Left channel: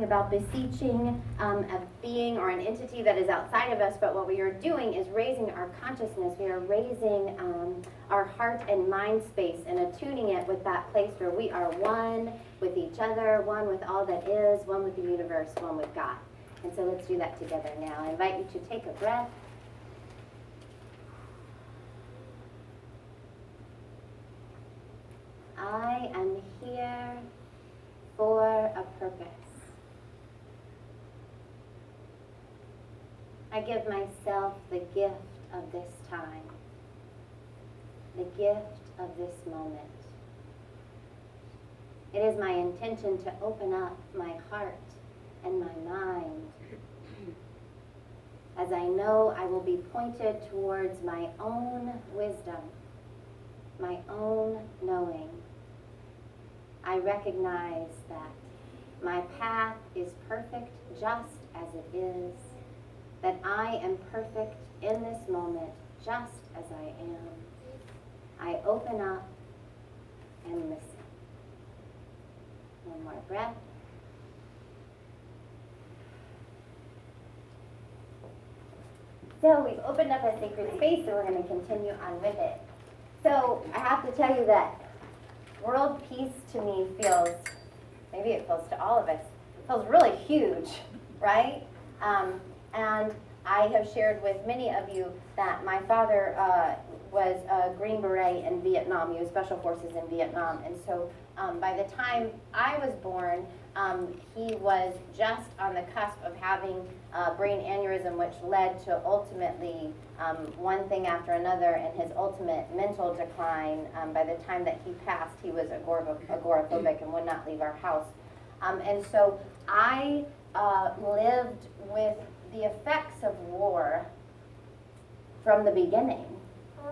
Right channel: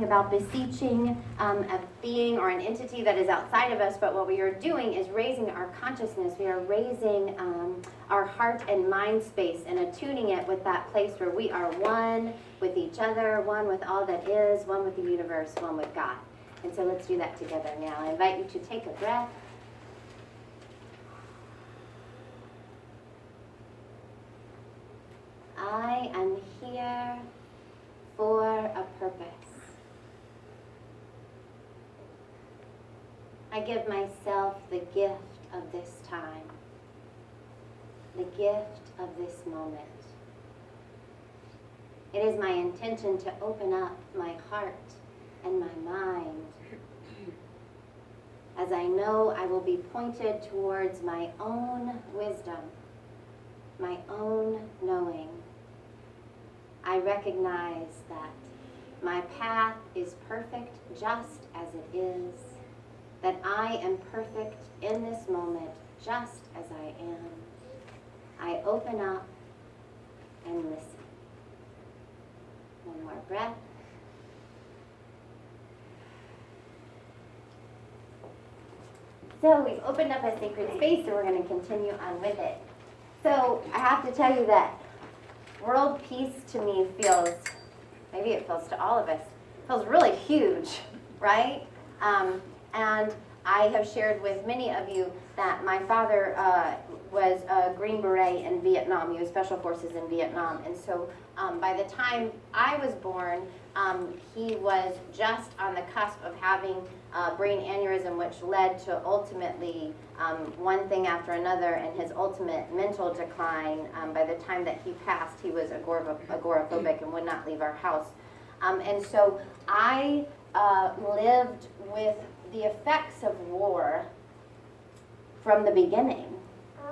talking about beseeching a being or an entity that is outside of us, but what we are doing is raising our consciousness. We are raising our heart and mind space and attuning it with that place where we are one with each other, one with all that is, one with the universe, one with God. And so let's do that together now. I invite you to take a breath. I am here for a purpose. I give myself the gift of this time, the gift of this moment. It is my intention to open up my heart and my mind, as I know I will be pointed towards my own wisdom, my own knowing. I recognize that my path is perfect just as it is, that I am perfect in this moment just as I am. I open up and listen. One more breath. So we've opened up a sacred space, so we're going to continue on with it. So I have to tell you that world peace to me feels, maybe it feels to all of us, feels really huge, right? And I have shared with many of you that my father was a Green Beret in Vietnam. He was Special Forces in Vietnam. And so by the time I was born, he was just on the cusp of having brain aneurysm, which led to ultimately one thing after another, and his ultimate mental decline. By the time that he passed, he was agoraphobic and would not leave our house. And so I lived with the effects of war from the beginning.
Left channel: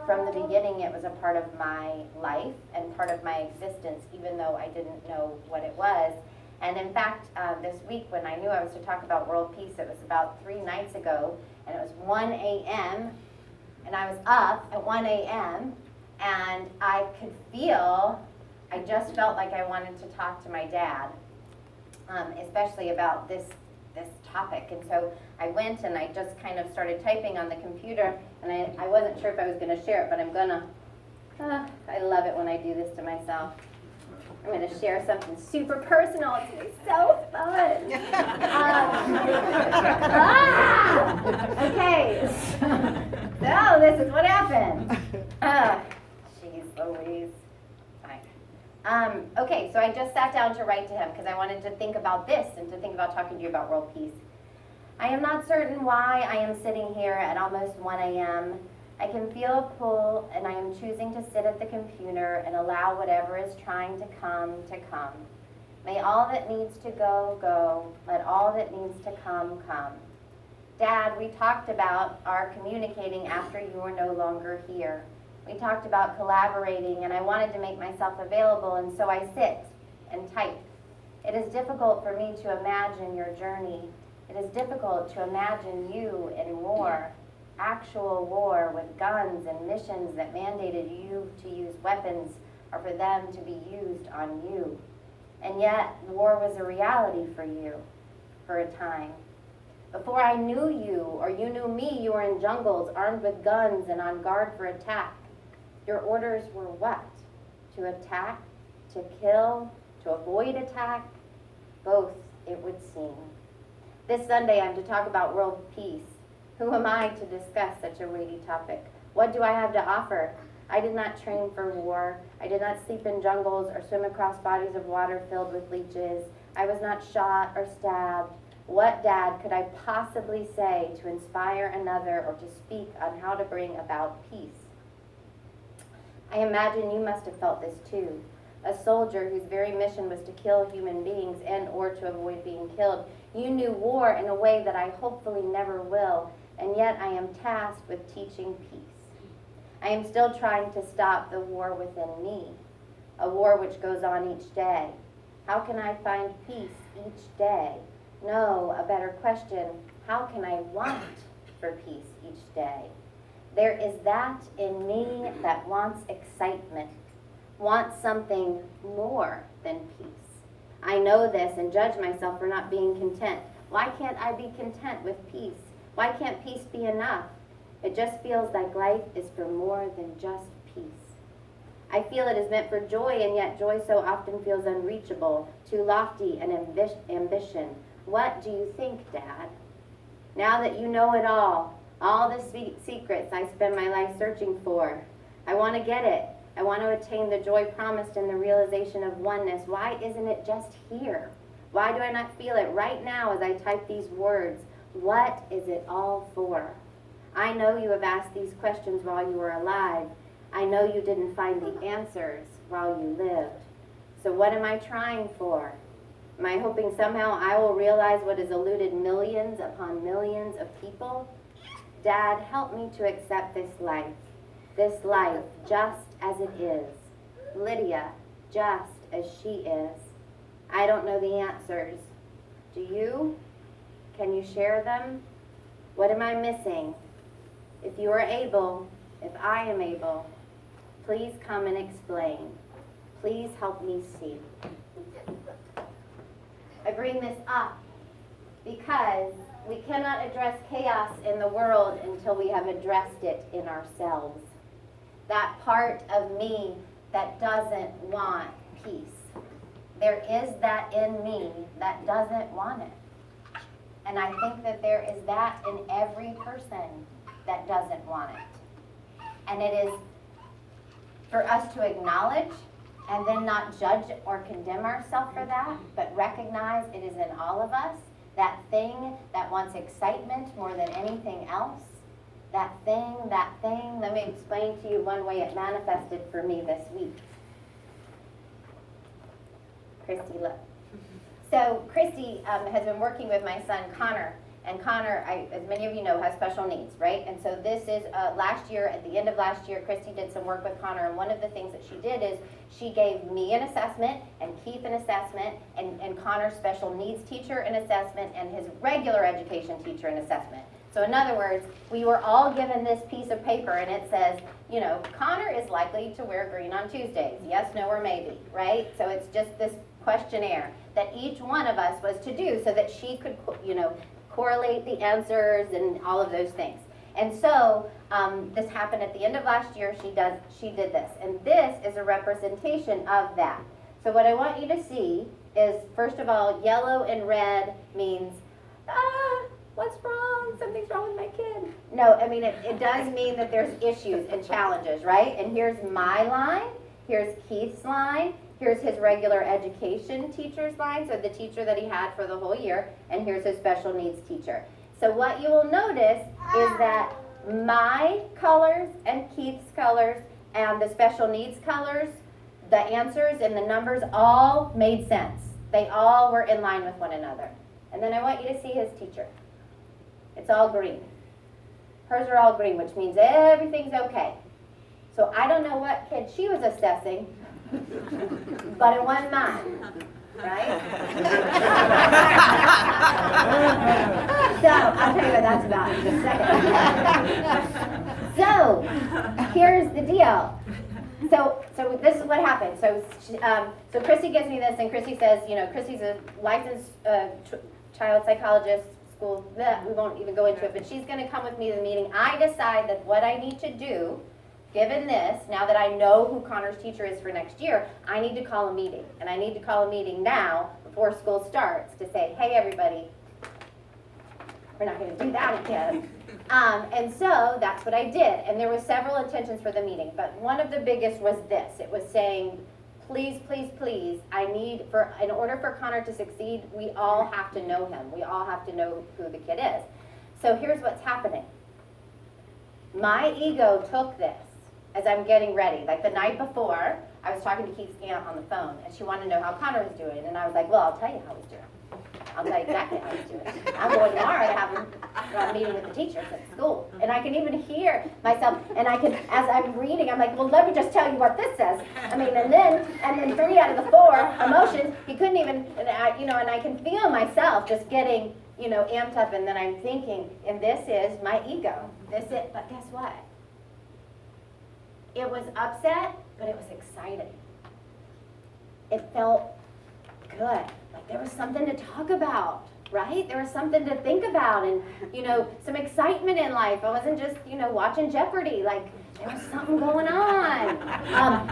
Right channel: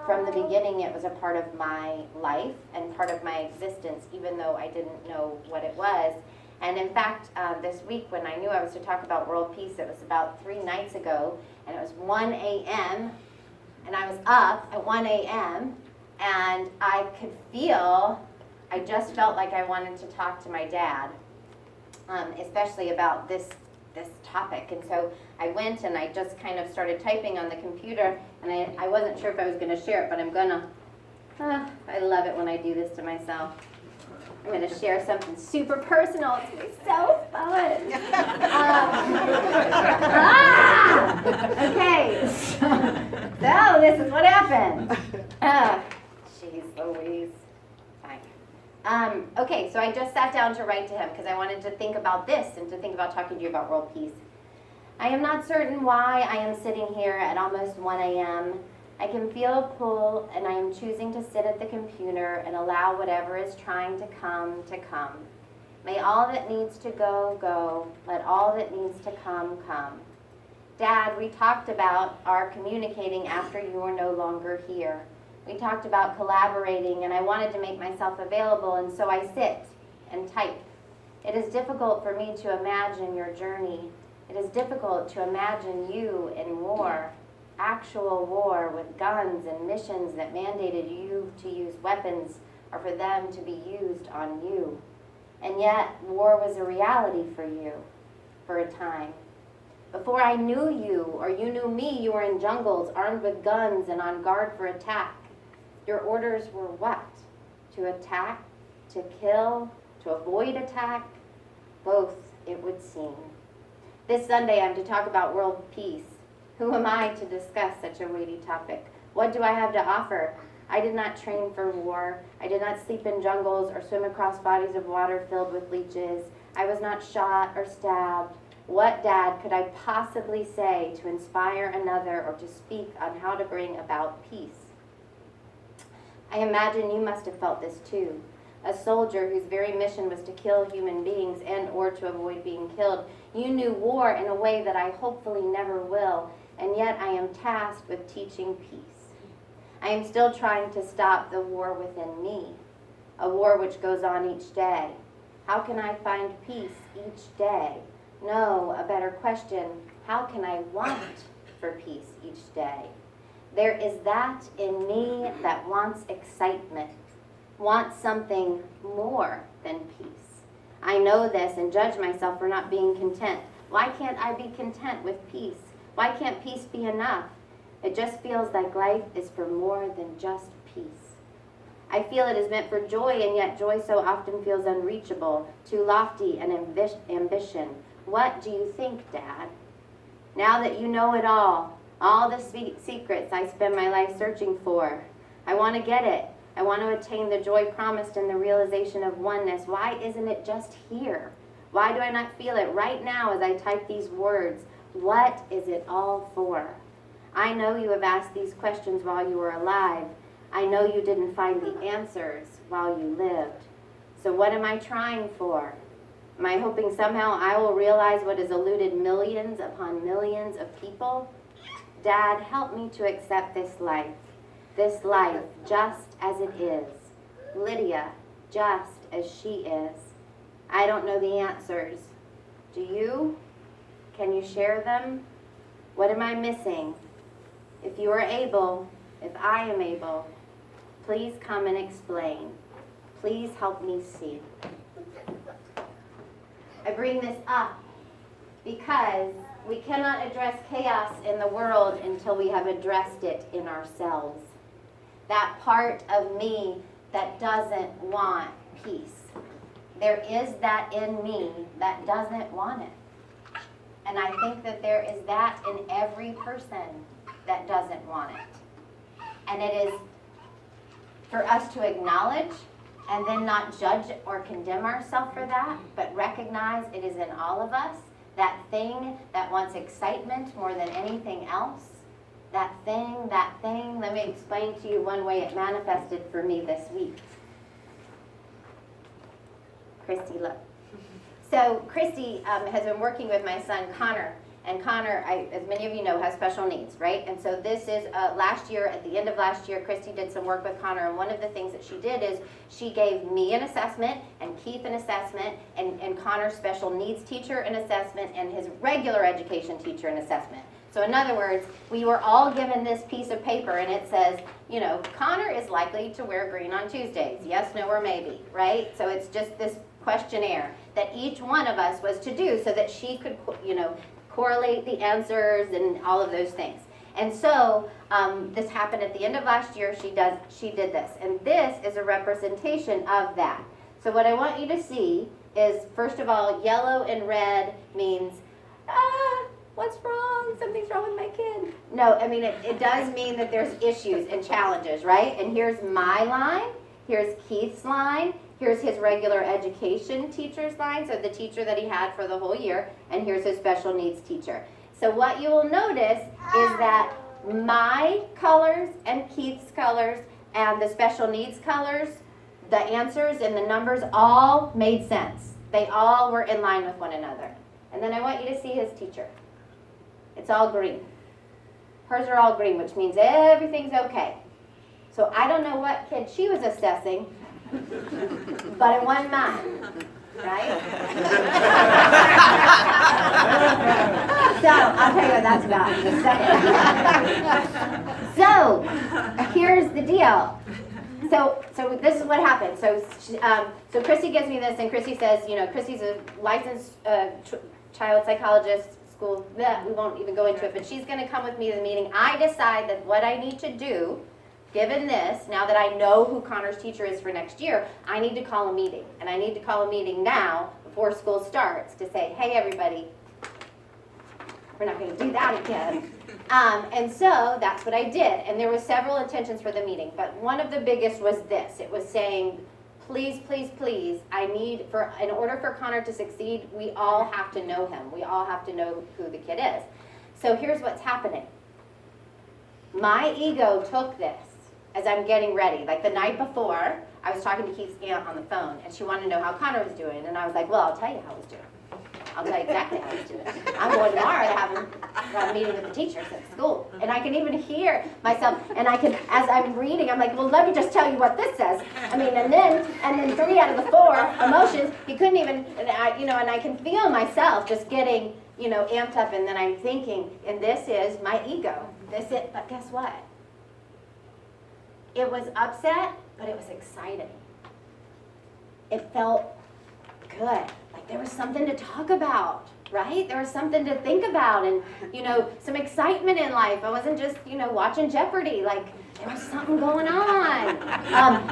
From the beginning, it was a part of my life and part of my existence, even though I didn't know what it was. And in fact, this week when I knew I was to talk about world peace, it was about 3 nights ago, and it was 1 a.m., and I was up at 1 a.m., and I could feel, I just felt like I wanted to talk to my dad, especially about this topic. And so I went and I just kind of started typing on the computer, and I wasn't sure if I was going to share it, but I'm going to. I love it when I do this to myself. I'm going to share something super personal. It's going to be so fun. Okay. So this is what happened. Jeez Louise. Fine. Okay, so I just sat down to write to him because I wanted to think about this and to think about talking to you about world peace. I am not certain why I am sitting here at almost 1 a.m. I can feel a pull, and I am choosing to sit at the computer and allow whatever is trying to come to come. May all that needs to go, go. Let all that needs to come, come. Dad, we talked about our communicating after you were no longer here. We talked about collaborating, and I wanted to make myself available, and so I sit and type. It is difficult for me to imagine your journey. It is difficult to imagine you in war. Actual war with guns and missions that mandated you to use weapons or for them to be used on you. And yet, war was a reality for you for a time. Before I knew you or you knew me, you were in jungles armed with guns and on guard for attack. Your orders were what? To attack? To kill? To avoid attack? Both, it would seem. This Sunday, I'm to talk about world peace. Who am I to discuss such a weighty topic? What do I have to offer? I did not train for war. I did not sleep in jungles or swim across bodies of water filled with leeches. I was not shot or stabbed. What, Dad, could I possibly say to inspire another or to speak on how to bring about peace? I imagine you must have felt this too. A soldier whose very mission was to kill human beings and or to avoid being killed. You knew war in a way that I hopefully never will. And yet I am tasked with teaching peace. I am still trying to stop the war within me, a war which goes on each day. How can I find peace each day? No, a better question, how can I want for peace each day? There is that in me that wants excitement, wants something more than peace. I know this and judge myself for not being content. Why can't I be content with peace? Why can't peace be enough? It just feels like life is for more than just peace. I feel it is meant for joy, and yet joy so often feels unreachable, too lofty an ambition. What do you think, Dad? Now that you know it all the secrets I spend my life searching for, I want to get it. I want to attain the joy promised in the realization of oneness. Why isn't it just here? Why do I not feel it right now as I type these words? What is it all for? I know you have asked these questions while you were alive. I know you didn't find the answers while you lived. So what am I trying for? Am I hoping somehow I will realize what has eluded millions upon millions of people? Dad, help me to accept this life just as it is. Lydia, just as she is. I don't know the answers. Do you? Can you share them? What am I missing? If you are able, if I am able, please come and explain. Please help me see. I bring this up because we cannot address chaos in the world until we have addressed it in ourselves. That part of me that doesn't want peace. There is that in me that doesn't want it. And I think that there is that in every person that doesn't want it. And it is for us to acknowledge and then not judge or condemn ourselves for that, but recognize it is in all of us. That thing that wants excitement more than anything else. That thing. Let me explain to you one way it manifested for me this week. Christy, look. So Christy has been working with my son Connor. And Connor, as many of you know, has special needs, right? And so this is last year, at the end of last year, Christy did some work with Connor. And one of the things that she did is she gave me an assessment and Keith an assessment and Connor's special needs teacher an assessment and his regular education teacher an assessment. So in other words, we were all given this piece of paper and it says, you know, Connor is likely to wear green on Tuesdays. Yes, no, or maybe, right? So it's just this questionnaire that each one of us was to do so that she could, you know, correlate the answers and all of those things. And so this happened at the end of last year. She did this. And this is a representation of that. So what I want you to see is, first of all, yellow and red means, what's wrong? Something's wrong with my kid. No, I mean, it does mean that there's issues and challenges, right? And here's my line. Here's Keith's line. Here's his regular education teacher's line, so the teacher that he had for the whole year, and here's his special needs teacher. So what you will notice is that my colors and Keith's colors and the special needs colors, the answers and the numbers all made sense. They all were in line with one another. And then I want you to see his teacher. It's all green. Hers are all green, which means everything's okay. So I don't know what kid she was assessing, but it wasn't mine, right? So I'll tell you what that's about in a second. So here's the deal. So this is what happened. So Christy gives me this, and Christy says, you know, Christy's a licensed child psychologist. School, we won't even go into it, but she's going to come with me to the meeting. I decide that what I need to do, given this, now that I know who Connor's teacher is for next year, I need to call a meeting. And I need to call a meeting now before school starts to say, hey, everybody, we're not going to do that again. And so that's what I did. And there were several intentions for the meeting, but one of the biggest was this. It was saying, please, please, please, in order for Connor to succeed, we all have to know him. We all have to know who the kid is. So here's what's happening. My ego took this as I'm getting ready. Like the night before, I was talking to Keith's aunt on the phone, and she wanted to know how Connor was doing. And I was like, well, I'll tell you how he's doing. I'll tell you exactly how he's doing. I'm going tomorrow to have a meeting with the teachers at school. And I can even hear myself, and I can, as I'm reading, I'm like, well, let me just tell you what this says. I mean, and then 3 out of the 4 emotions, he couldn't even, and I can feel myself just getting, amped up, and then I'm thinking, and this is my ego. But guess what? It was upset, but it was exciting. It felt good. Like there was something to talk about, right? There was something to think about and, some excitement in life. I wasn't just, watching Jeopardy. Like there was something going on.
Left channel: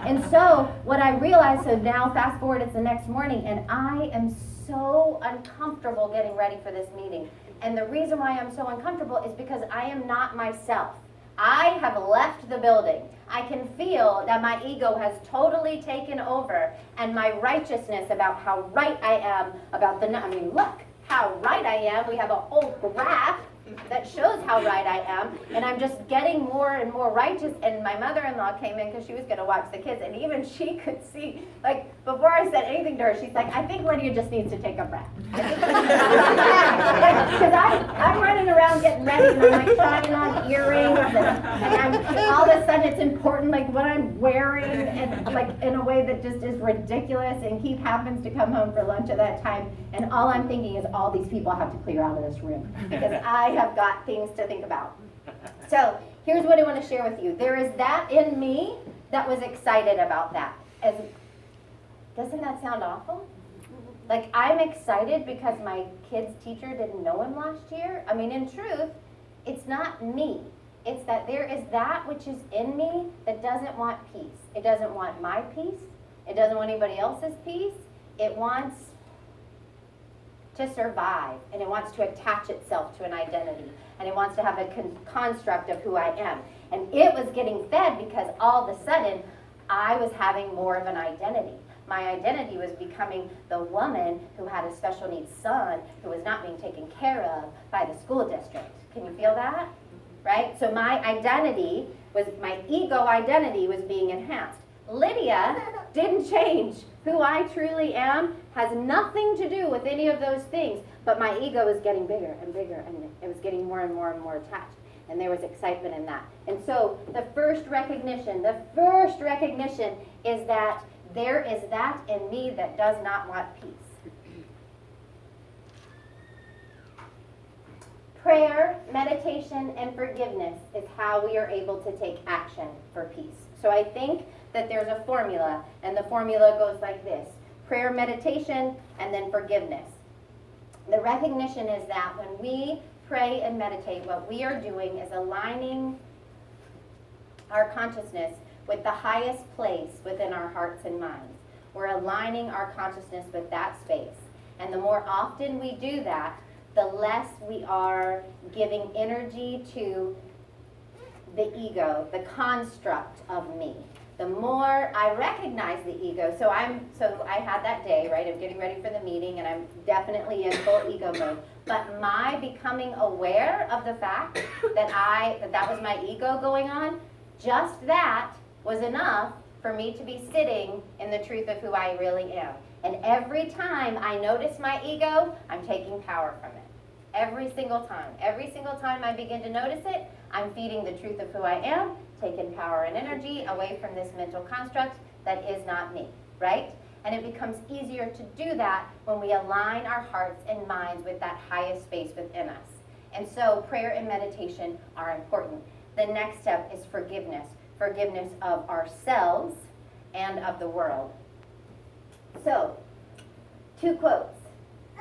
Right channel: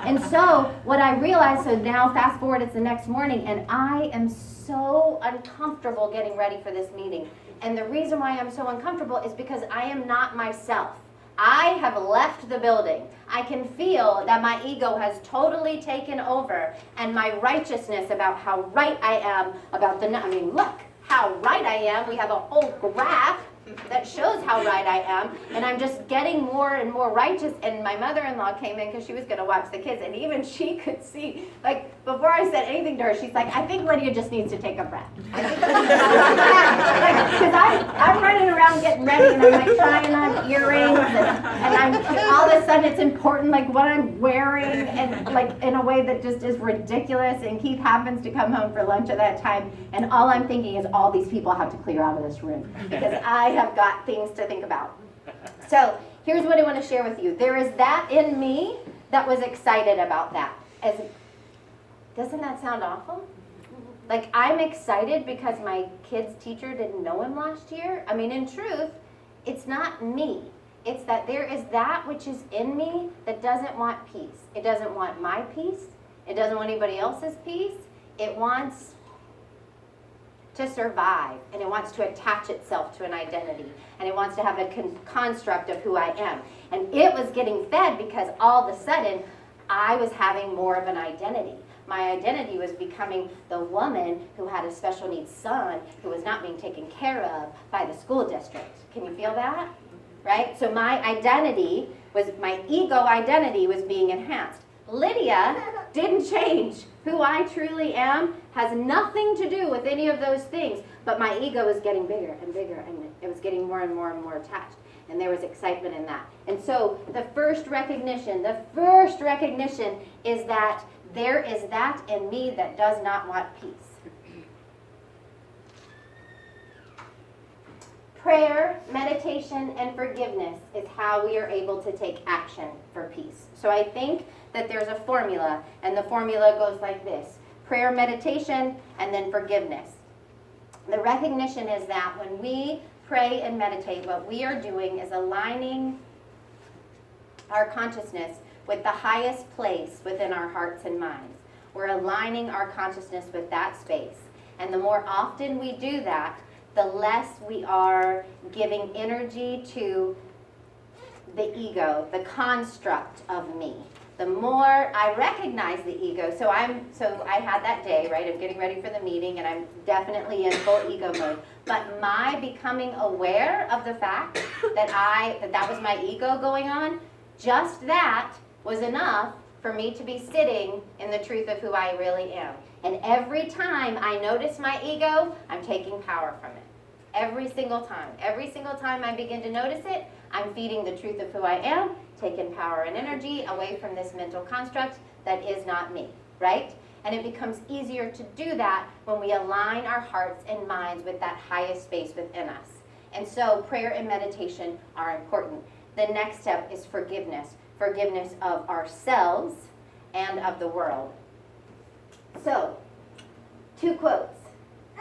And so what I realized, so now fast forward, it's the next morning and I am so uncomfortable getting ready for this meeting. And the reason why I'm so uncomfortable is because I am not myself. I have left the building. I can feel that my ego has totally taken over and my righteousness about how right I am about look how right I am. We have a whole graph that shows how right I am, and I'm just getting more and more righteous. And my mother-in-law came in because she was going to watch the kids, and even she could see, like, before I said anything to her, she's like, I think Lydia just needs to take a breath. Because I'm running around getting ready, and I'm like trying on earrings, and I'm all of a sudden it's important, like what I'm wearing, and like in a way that just is ridiculous. And Keith happens to come home for lunch at that time, and all I'm thinking is all these people have to clear out of this room because I have got things to think about. So here's what I want to share with you. There is that in me that was excited about that. Doesn't that sound awful? Like I'm excited because my kid's teacher didn't know him last year. I mean, in truth, it's not me. It's that there is that which is in me that doesn't want peace. It doesn't want my peace. It doesn't want anybody else's peace. It wants to survive, and it wants to attach itself to an identity, and it wants to have a construct of who I am. And it was getting fed because all of a sudden I was having more of an identity. My identity was becoming the woman who had a special needs son who was not being taken care of by the school district. Can you feel that? Right? So my ego identity was being enhanced. Lydia didn't change. Who I truly am has nothing to do with any of those things, but my ego was getting bigger and bigger, and it was getting more and more and more attached, and there was excitement in that. And so the first recognition is that there is that in me that does not want peace. Prayer, meditation, and forgiveness is how we are able to take action for peace. So I think that there's a formula, and the formula goes like this: prayer, meditation, and then forgiveness. The recognition is that when we pray and meditate, what we are doing is aligning our consciousness with the highest place within our hearts and minds. We're aligning our consciousness with that space. And the more often we do that, the less we are giving energy to the ego, the construct of me. The more I recognize the ego, so I had that day, right, of getting ready for the meeting, and I'm definitely in full ego mode. But my becoming aware of the fact that was my ego going on, just that was enough for me to be sitting in the truth of who I really am. And every time I notice my ego, I'm taking power from it. Every single time. Every single time I begin to notice it, I'm feeding the truth of who I am, taking power and energy away from this mental construct that is not me, right? And it becomes easier to do that when we align our hearts and minds with that highest space within us. And so prayer and meditation are important. The next step is forgiveness. Forgiveness of ourselves and of the world. So, 2 quotes.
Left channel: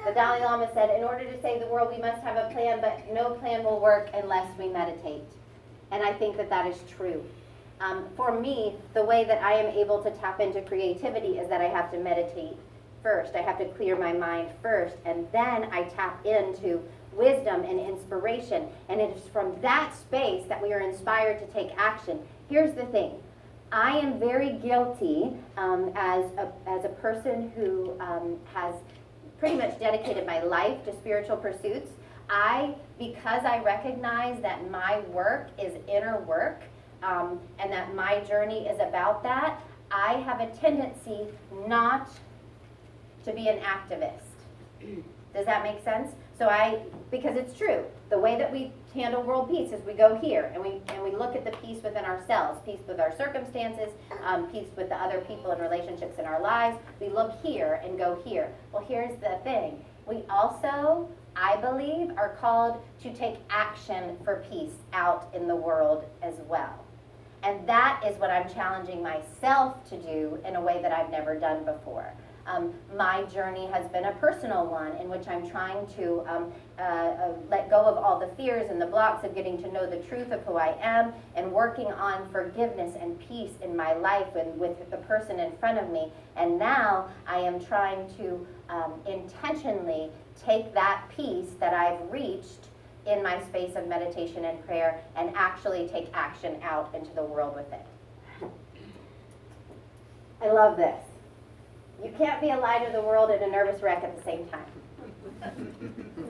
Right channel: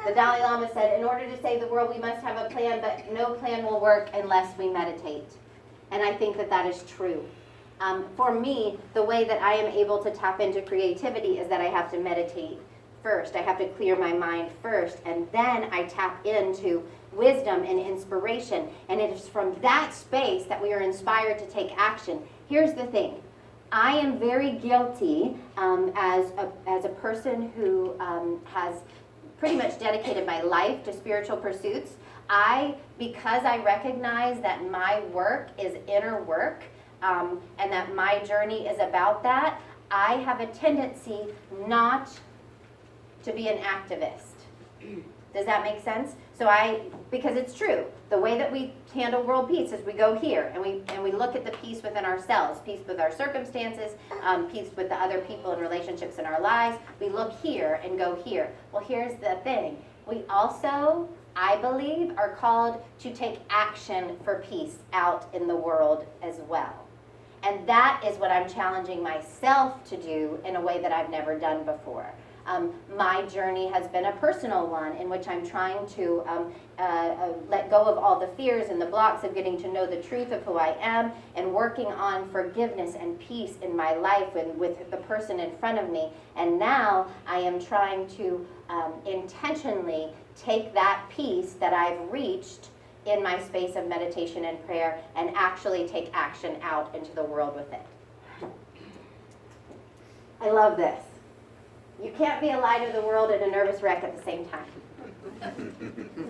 The Dalai Lama said, in order to save the world, we must have a plan, but no plan will work unless we meditate. And I think that is true. For me, the way that I am able to tap into creativity is that I have to meditate first. I have to clear my mind first, and then I tap into wisdom and inspiration. And it is from that space that we are inspired to take action. Here's the thing. I am very guilty as a person who has pretty much dedicated my life to spiritual pursuits. Because I recognize that my work is inner work, and that my journey is about that, I have a tendency not to be an activist. Does that make sense? So because it's true, the way that we handle world peace is we go here and we look at the peace within ourselves, peace with our circumstances, peace with the other people and relationships in our lives. We look here and go here. Well, here's the thing. We also, I believe, are called to take action for peace out in the world as well. And that is what I'm challenging myself to do in a way that I've never done before. My journey has been a personal one in which I'm trying to let go of all the fears and the blocks of getting to know the truth of who I am and working on forgiveness and peace in my life and with the person in front of me. And now I am trying to intentionally take that peace that I've reached in my space of meditation and prayer and actually take action out into the world with it. I love this. You can't be a light of the world and a nervous wreck at the same time.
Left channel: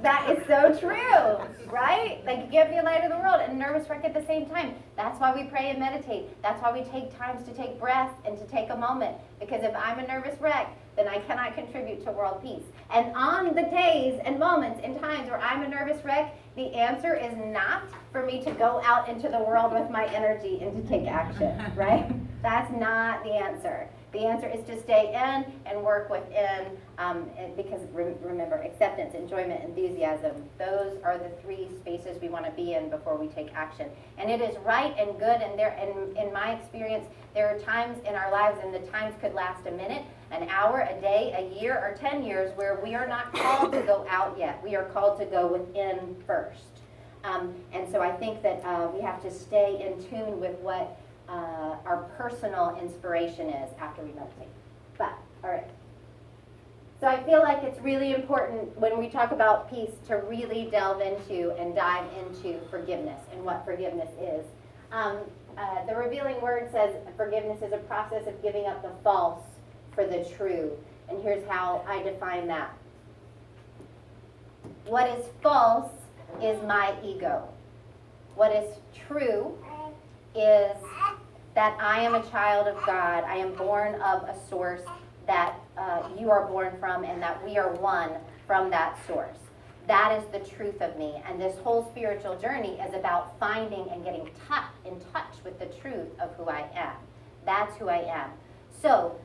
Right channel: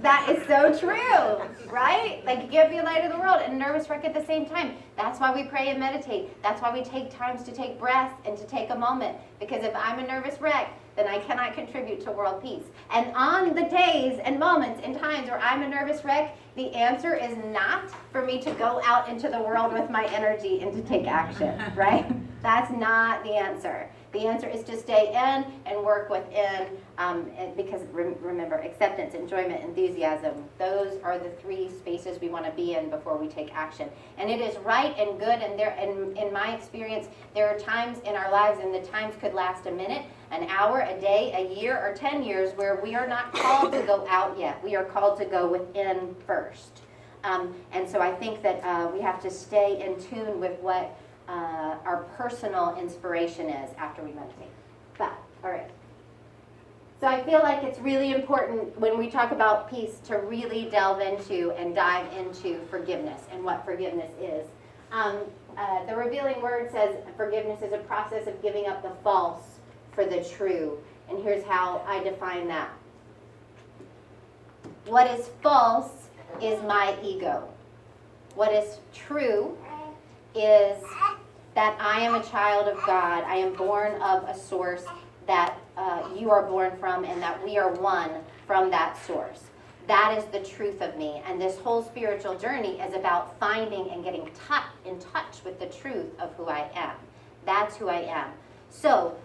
That is so true, right? Like you can't be a light of the world and a nervous wreck at the same time. That's why we pray and meditate. That's why we take times to take breaths and to take a moment. Because if I'm a nervous wreck, then I cannot contribute to world peace. And on the days and moments and times where I'm a nervous wreck, the answer is not for me to go out into the world with my energy and to take action, right? That's not the answer. The answer is to stay in and work within, because remember, acceptance, enjoyment, enthusiasm, those are the three spaces we want to be in before we take action. And it is right and good, and in my experience, there are times in our lives, and the times could last a minute, an hour, a day, a year, or 10 years, where we are not called to go out yet. We are called to go within first. And so I think that we have to stay in tune with what our personal inspiration is after we meditate. But, all right. So I feel like it's really important when we talk about peace to really delve into and dive into forgiveness and what forgiveness is. The Revealing Word says forgiveness is a process of giving up the false for the true. And here's how I define that. What is false is my ego. What is true is that I am a child of God. I am born of a source that you are born from, and that we are one from that source. That is the truth of me. And this whole spiritual journey is about finding and getting in touch with the truth of who I am. That's who I am. So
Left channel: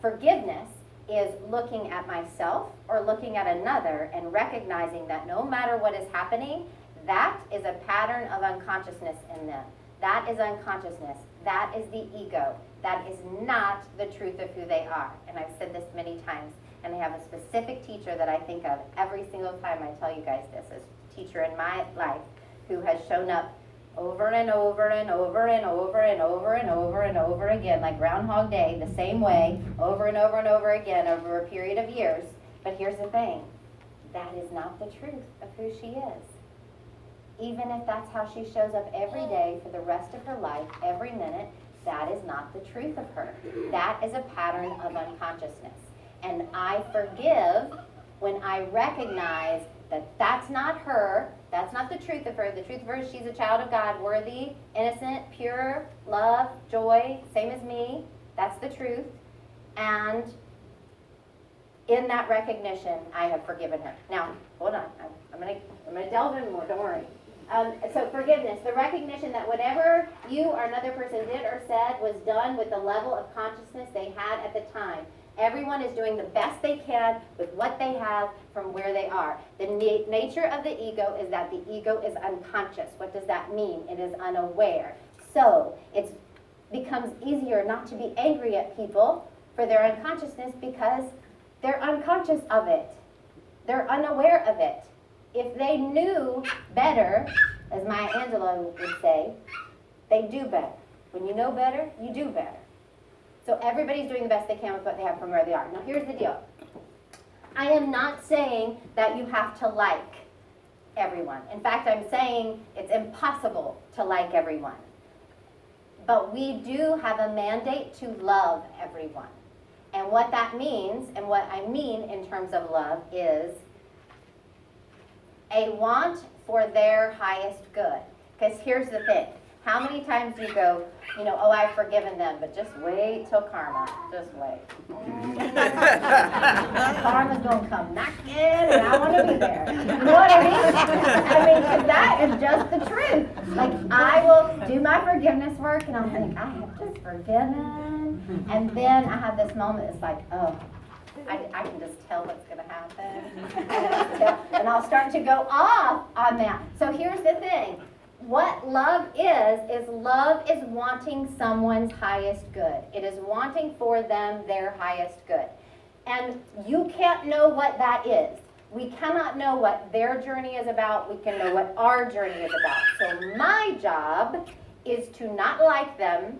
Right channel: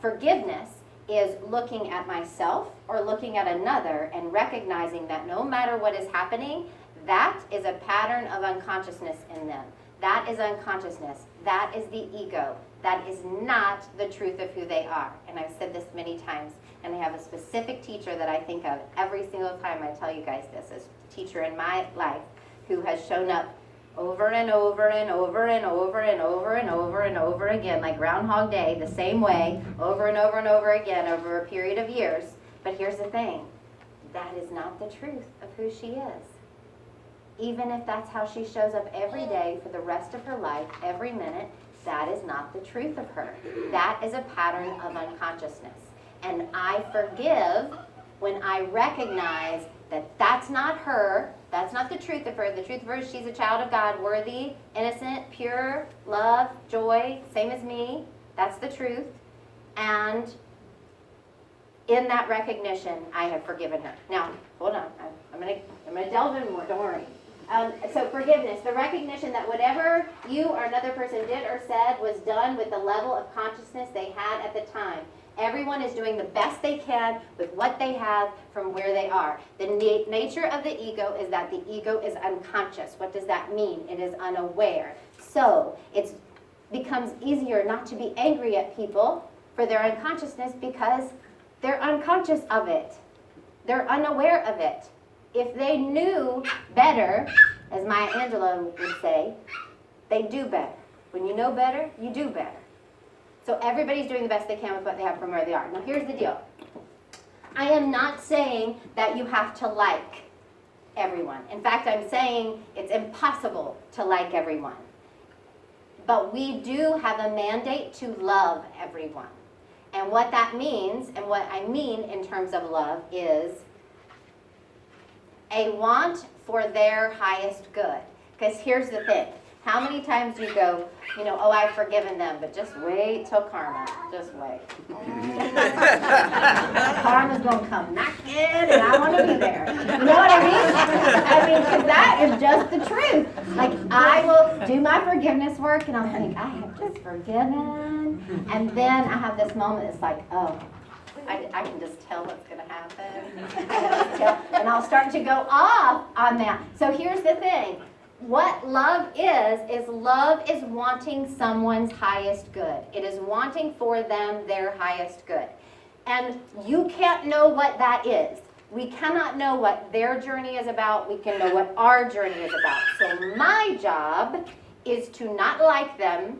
forgiveness is looking at myself or looking at another and recognizing that no matter what is happening, that is a pattern of unconsciousness in them. That is unconsciousness. That is the ego. That is not the truth of who they are. And I've said this many times, and I have a specific teacher that I think of every single time I tell you guys this, a teacher in my life who has shown up over and over and over and over and over and over and over again, like Groundhog Day, the same way, over and over and over again over a period of years. But here's the thing, that is not the truth of who she is. Even if that's how she shows up every day for the rest of her life, every minute, that is not the truth of her. That is a pattern of unconsciousness. And I forgive when I recognize that that's not her, that's not the truth of her. The truth of her is she's a child of God, worthy, innocent, pure, love, joy, same as me. That's the truth. And in that recognition, I have forgiven her. Now, hold on. I'm gonna delve in more. Don't worry. So forgiveness, the recognition that whatever you or another person did or said was done with the level of consciousness they had at the time. Everyone is doing the best they can with what they have from where they are. The nature of the ego is that the ego is unconscious. What does that mean? It is unaware. So it becomes easier not to be angry at people for their unconsciousness because they're unconscious of it. They're unaware of it. If they knew better, as Maya Angelou would say, they do better. When you know better, you do better. So everybody's doing the best they can with what they have from where they are. Now here's the deal. I am not saying that you have to like everyone. In fact, I'm saying it's impossible to like everyone. But we do have a mandate to love everyone. And what that means, and what I mean in terms of love, is a want for their highest good. Because here's the thing. How many times do you go, oh, I've forgiven them, but just wait till karma. Just wait. Karma's going to come knocking, and I want to be there. You know what I mean? Because that is just the truth. Like, I will do my forgiveness work, and I'll think, I have just forgiven. And then I have this moment, it's like, oh, I can just tell what's going to happen. And I'll start to go off on that. So here's the thing. What love is love is wanting someone's highest good. It is wanting for them their highest good. And you can't know what that is. We cannot know what their journey is about. We can know what our journey is about. So my job is to not like them,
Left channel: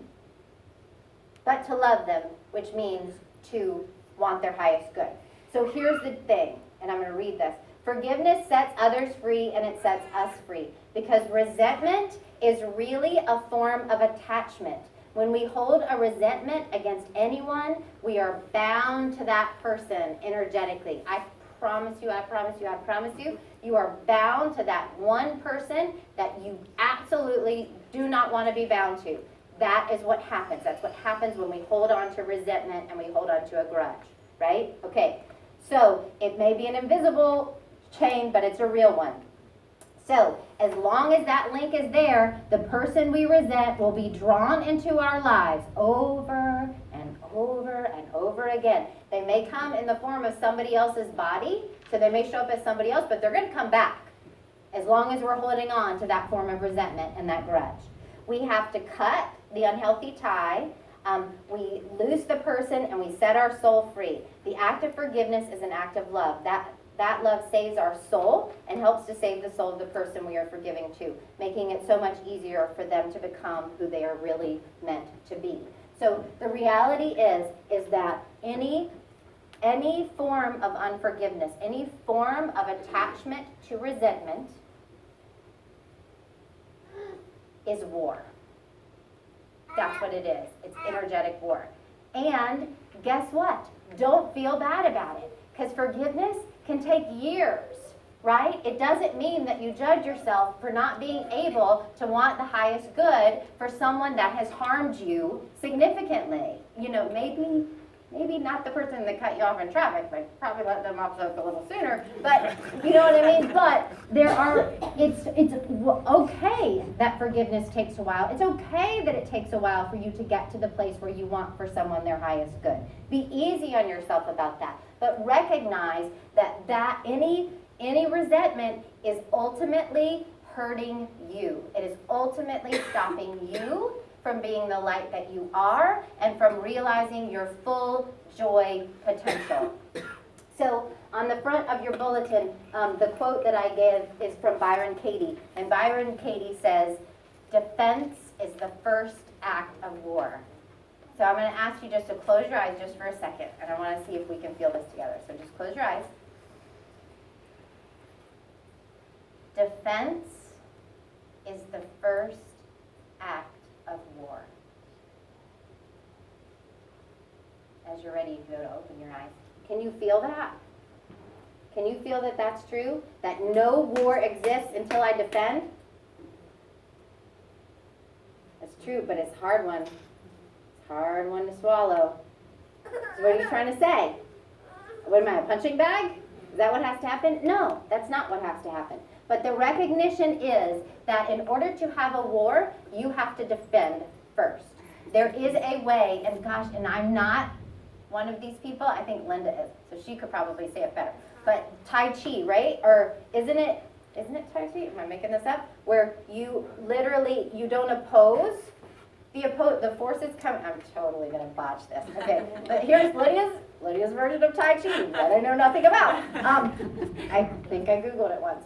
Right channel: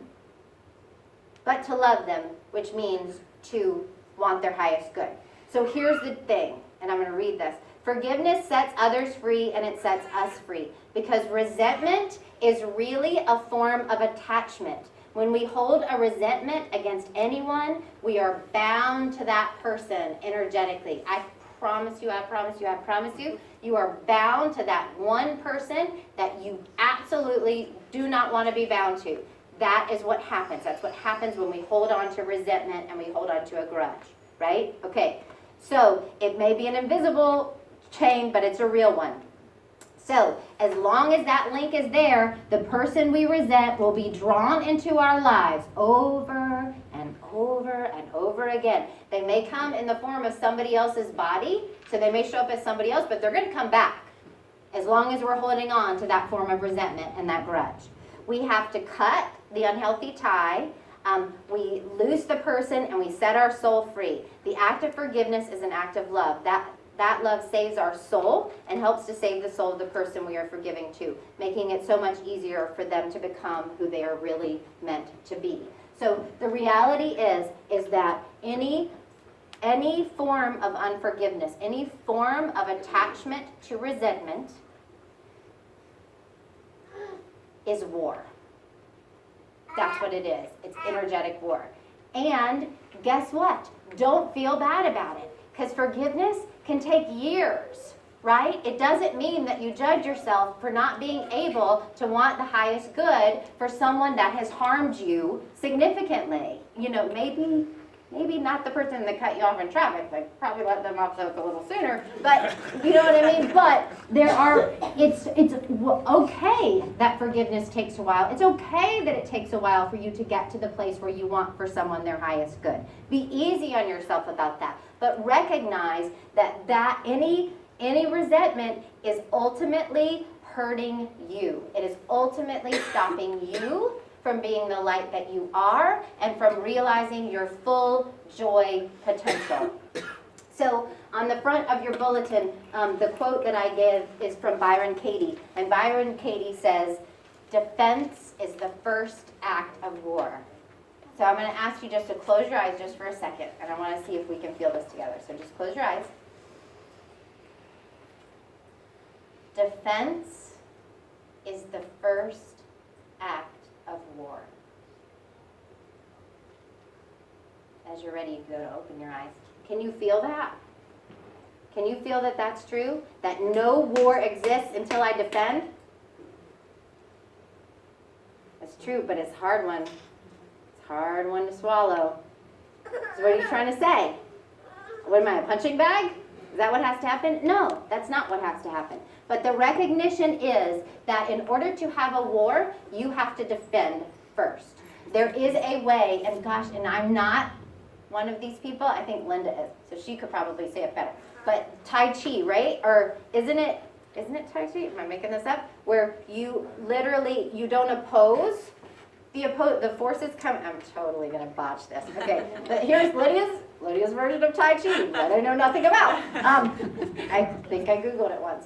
but to love them, which means to want their highest good. So here's the thing, and I'm going to read this. Forgiveness sets others free, and it sets us free. Because resentment is really a form of attachment. When we hold a resentment against anyone, we are bound to that person energetically. I promise you, you are bound to that one person that you absolutely do not want to be bound to. That is what happens. That's what happens when we hold on to resentment and we hold on to a grudge, right? Okay, so it may be an invisible chain, but it's a real one. So as long as that link is there, the person we resent will be drawn into our lives over and over and over again. They may come in the form of somebody else's body, so they may show up as somebody else, but they're going to come back as long as we're holding on to that form of resentment and that grudge. We have to cut the unhealthy tie. We loose the person and we set our soul free. The act of forgiveness is an act of love. That love saves our soul and helps to save the soul of the person we are forgiving to, making it so much easier for them to become who they are really meant to be. So the reality is that any form of unforgiveness, any form of attachment to resentment is war. That's what it is. It's energetic war. And guess what? Don't feel bad about it, because forgiveness can take years, right? It doesn't mean that you judge yourself for not being able to want the highest good for someone that has harmed you significantly. You know, maybe not the person that cut you off in traffic, like probably let them off the hook a little sooner, but you know what I mean? But it's okay that forgiveness takes a while. It's okay that it takes a while for you to get to the place where you want for someone their highest good. Be easy on yourself about that, but recognize that any resentment is ultimately hurting you. It is ultimately stopping you from being the light that you are and from realizing your full joy potential. So on the front of your bulletin, the quote that I give is from Byron Katie. And Byron Katie says, "Defense is the first act of war." So I'm going to ask you just to close your eyes just for a second, and I want to see if we can feel this together. So just close your eyes. Defense is the first act of war. As you're ready, you can go to open your eyes. Can you feel that? Can you feel that that's true? That no war exists until I defend? That's true, but it's a hard one. It's a hard one to swallow. So what are you trying to say? What am I, a punching bag? Is that what has to happen? No, that's not what has to happen. But the recognition is that in order to have a war, you have to defend first. There is a way, and gosh, and I'm not one of these people. I think Linda is, so she could probably say it better. But Tai Chi, right? Or isn't it Tai Chi? Am I making this up? Where you literally, you don't oppose. The forces come. I'm totally going to botch this. Okay, but here's Lydia's version of Tai Chi that I know nothing about. I think I Googled it once.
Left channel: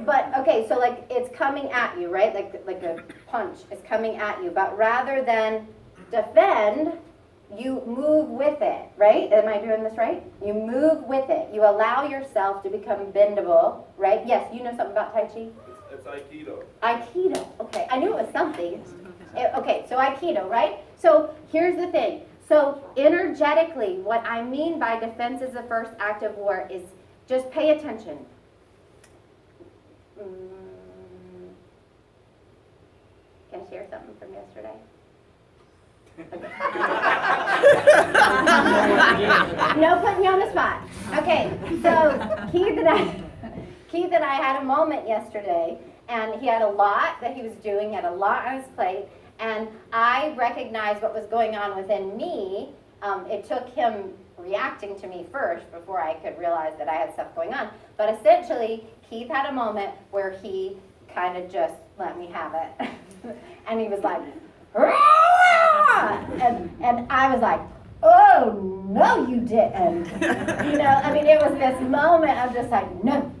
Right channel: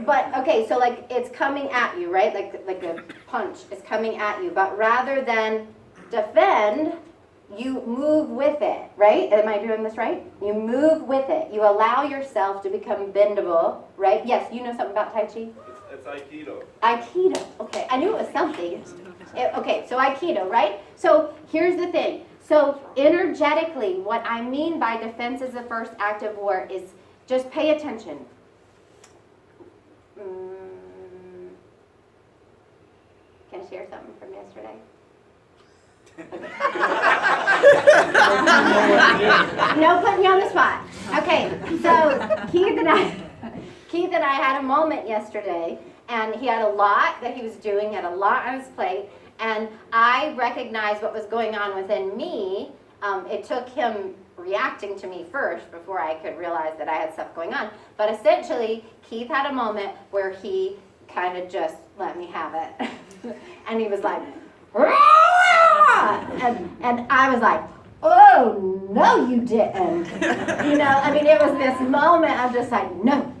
But okay, so like it's coming at you, right? Like a punch is coming at you. But rather than defend, you move with it, right? Am I doing this right? You move with it. You allow yourself to become bendable, right? Yes, you know something about Tai Chi? It's Aikido. Aikido. Okay, I knew it was something. Okay, so Aikido, right? So here's the thing. So energetically, what I mean by defense is the first act of war is just pay attention. Can I share something from yesterday? Okay. No putting you on the spot. Okay, so Keith and I had a moment yesterday, and he had a lot that he was doing, he had a lot on his plate, and I recognized what was going on within me. It took him reacting to me first before I could realize that I had stuff going on. But essentially, Keith had a moment where he kind of just let me have it. And he was like, "Rah!" And I was like, oh, no, you didn't. I mean, it was this moment, I'm just like, no,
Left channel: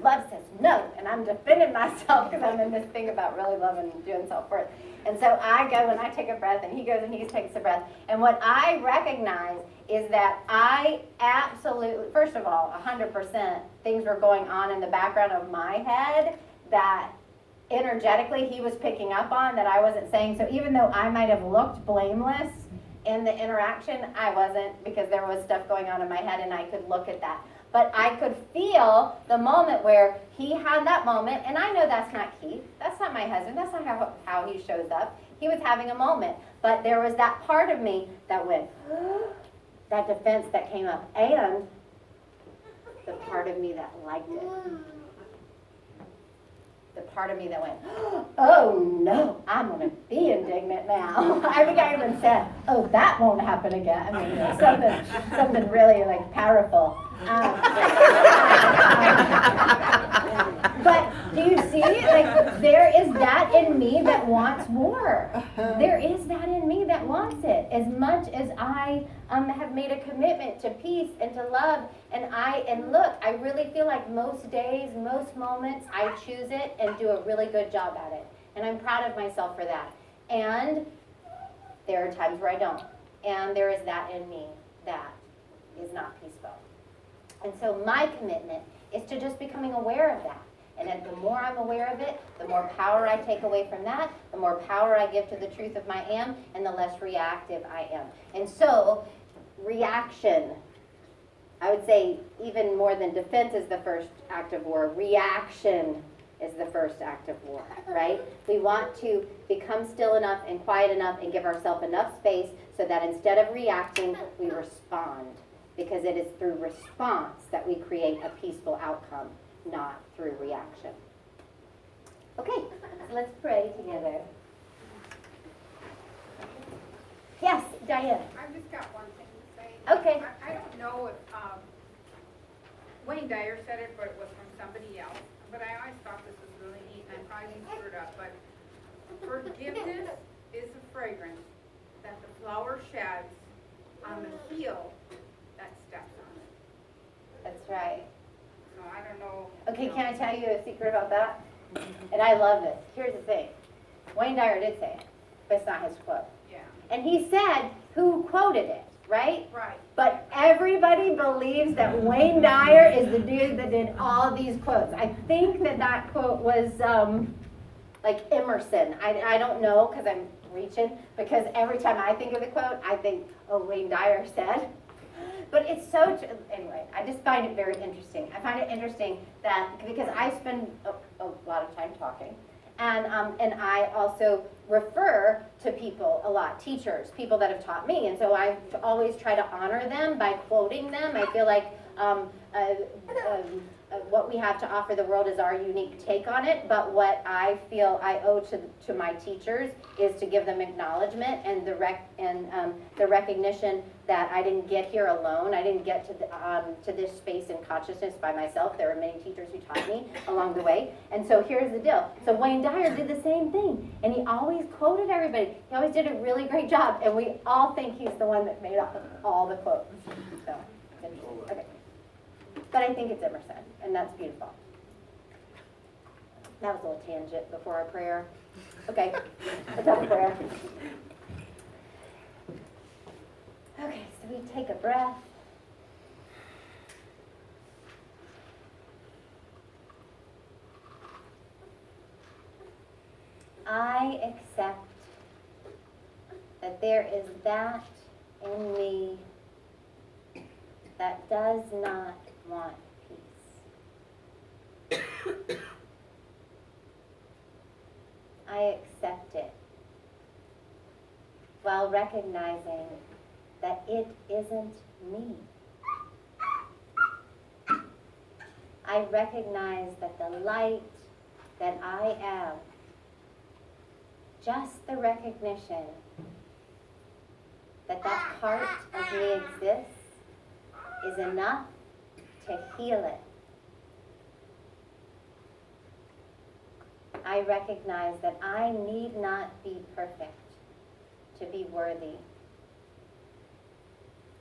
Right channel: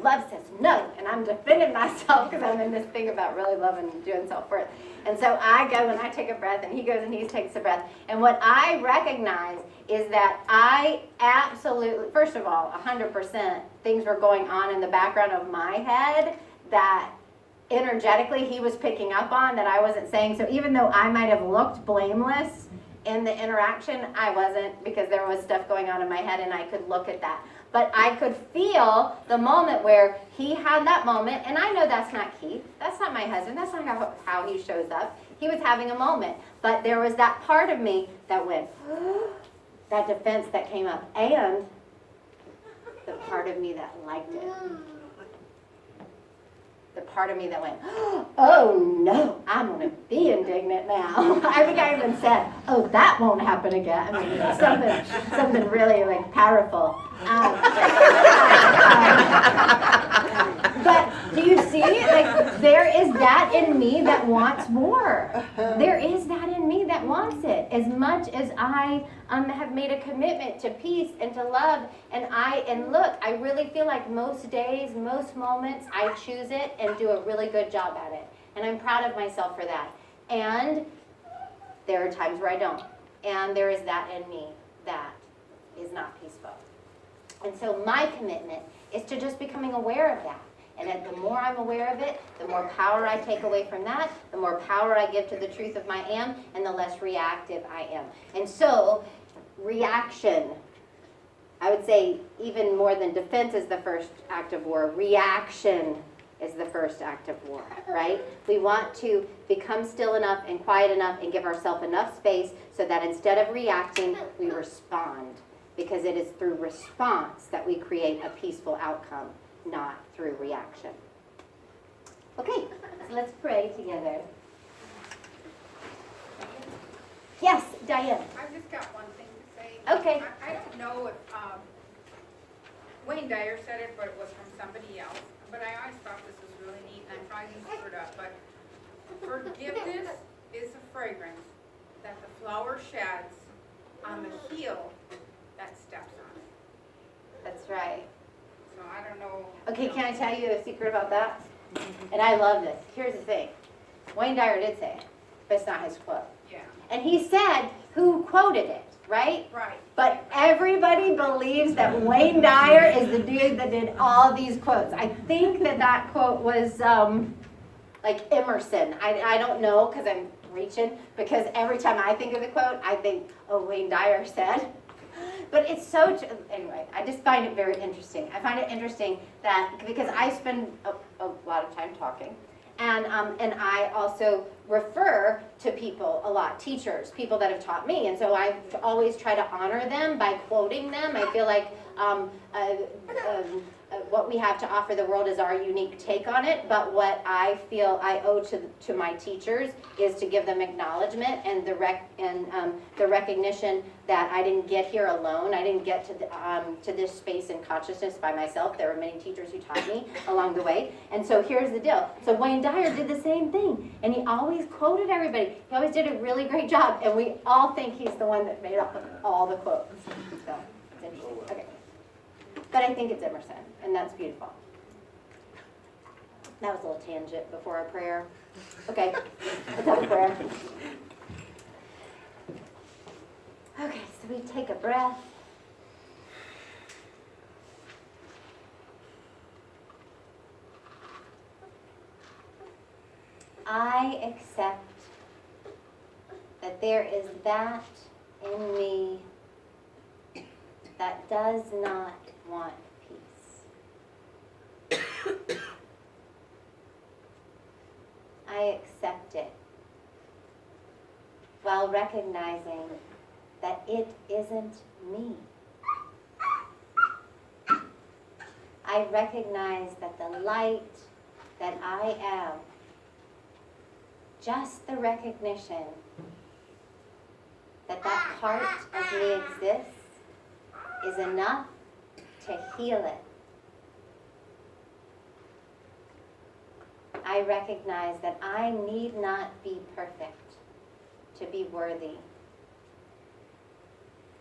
love says no, and I'm defending myself because I'm in this thing about really loving and doing self-worth. And so I go and I take a breath, and he goes and he takes a breath. And what I recognize is that I absolutely, first of all, 100% things were going on in the background of my head that energetically he was picking up on that I wasn't saying. So even though I might have looked blameless in the interaction, I wasn't, because there was stuff going on in my head and I could look at that. But I could feel the moment where he had that moment, and I know that's not Keith, that's not my husband, that's not how he shows up. He was having a moment, but there was that part of me that went, that defense that came up, and the part of me that liked it. The part of me that went, oh no, I'm going to be indignant now. I think I even said, oh, that won't happen again. I mean, something really like powerful. But do you see, like, there is that in me that wants more. There is that in me that wants it. As much as I have made a commitment to peace and to love, and look, I really feel like most days, most moments, I choose it and do a really good job at it. And I'm proud of myself for that. And there are times where I don't. And there is that in me that is not peaceful. And so my commitment is to just becoming aware of that. And the more I'm aware of it, the more power I take away from that, the more power I give to the truth of my am, and the less reactive I am. And so, reaction, I would say even more than defense is the first act of war, reaction is the first act of war, right? We want to become still enough and quiet enough and give ourselves enough space so that instead of reacting, we respond. Because it is through response that we create a peaceful outcome, not through reaction. Okay, so let's pray together. Yes, Diane. I've just got one thing to say. Okay. I don't know if Wayne Dyer said it, but it was from somebody else. But I always thought this was really neat, and I probably screwed it up. But forgiveness is a fragrance that the flower sheds on the heel that steps on it. That's right. So I don't know. Okay, can I tell you a secret about that? And I love this. Here's the thing. Wayne Dyer did say it, but it's not his quote. Yeah. And he said who quoted it, right? Right. But everybody believes that Wayne Dyer is the dude that did all these quotes. I think that quote was like Emerson. I don't know because I'm reaching, because every time I think of the quote, I think, oh, Wayne Dyer said. But it's so, anyway, I just find it very interesting. I find it interesting that, because I spend a lot of time talking, and I also refer to people a lot, teachers, people that have taught me, and so I always try to honor them by quoting them. I feel like what we have to offer the world is our unique take on it, but what I feel I owe to my teachers is to give them acknowledgement and the recognition that I didn't get here alone. I didn't get to this space in consciousness by myself. There were many teachers who taught me along the way. And so here's the deal. So Wayne Dyer did the same thing, and he always quoted everybody. He always did a really great job, and we all think he's the one that made up all the quotes. So it's interesting. Okay. But I think it's Emerson, and that's beautiful. That was a little tangent before our prayer. Okay, let's have a prayer. Okay, so we take a breath. I accept that there is that in me that does not want peace. I accept it while recognizing that it isn't me. I recognize that the light that I am, just the recognition that part of me exists, is enough to heal it. I recognize that I need not be perfect to be worthy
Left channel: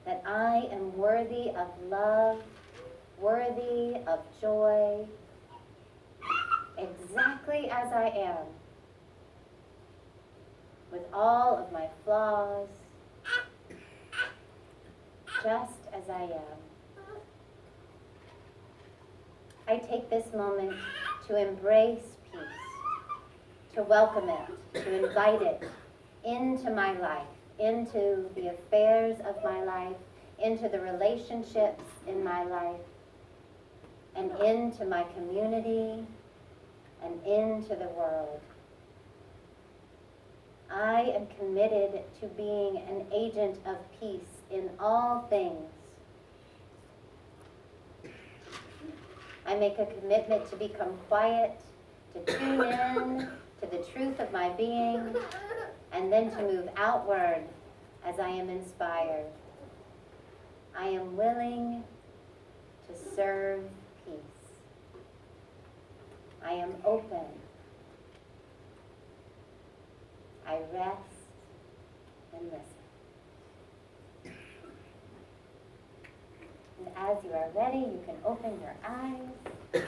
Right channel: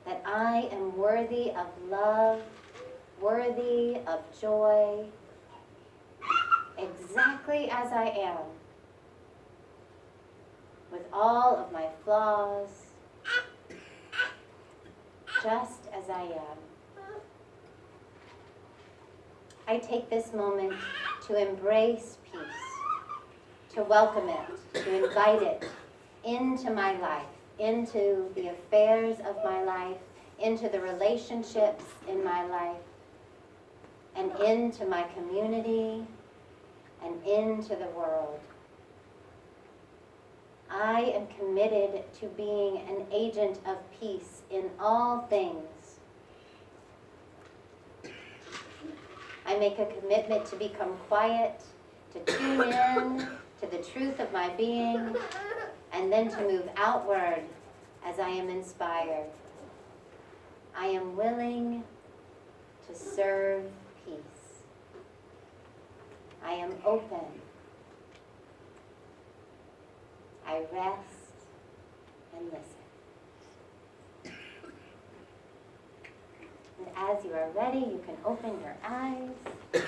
that I am worthy of love, worthy of joy, exactly as I am, with all of my flaws, just as I am. I take this moment to embrace peace, to welcome it, to invite it into my life, into the affairs of my life, into the relationships in my life, and into my community, and into the world. I am committed to being an agent of peace in all things. I make a commitment to become quiet, to tune in to the truth of my being, and then to move outward as I am inspired. I am willing to serve peace. I am open. I rest and listen. And as you are ready, you can open your eyes.